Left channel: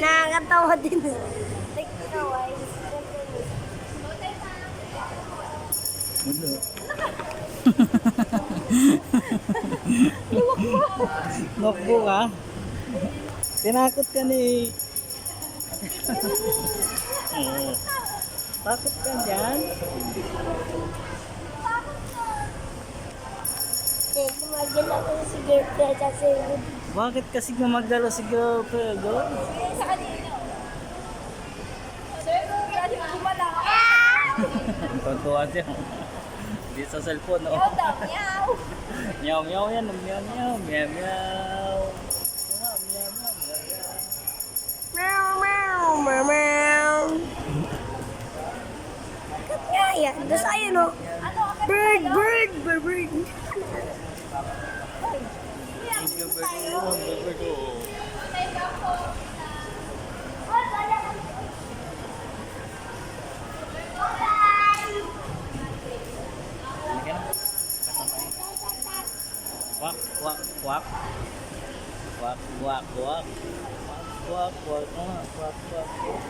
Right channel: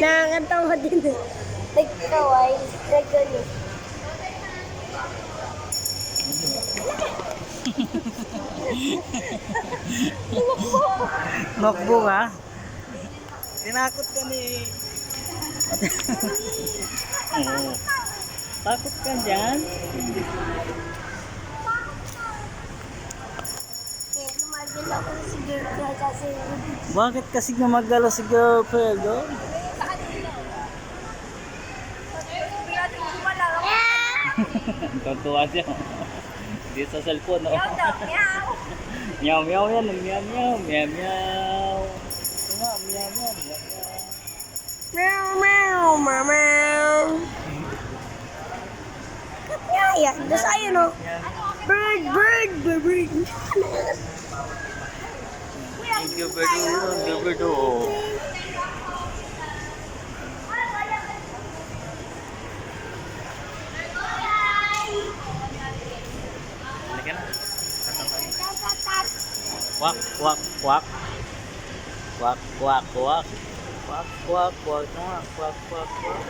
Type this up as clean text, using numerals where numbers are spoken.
Nakakatawa din. Nagkaway. Nagkalis. Makbo ka? Tinakot ka ni... Oo. Takot ka dyan? Eh, tumagil ako si girlfriend kasi Bakit kasi gumagalo si girlfriend, oh? Sa kanina. Father, gumala ako. Tuntua siya. Hindi sa cellphone, oh. Meow daw, meow. Meow meow yan, meow meow, meow meow. Ito nga, meow meow, meow meow. meow, meow, meow, meow. Kaya, das ayun o. Bird, bird, bird, bird. Gaberdo. Halika na. Kasama tayo. Kwak, kwak, kwak. Kwak, kwak, kwak. Kwak, kwak, kwak. Ito nga, kwak, kwak, kwak.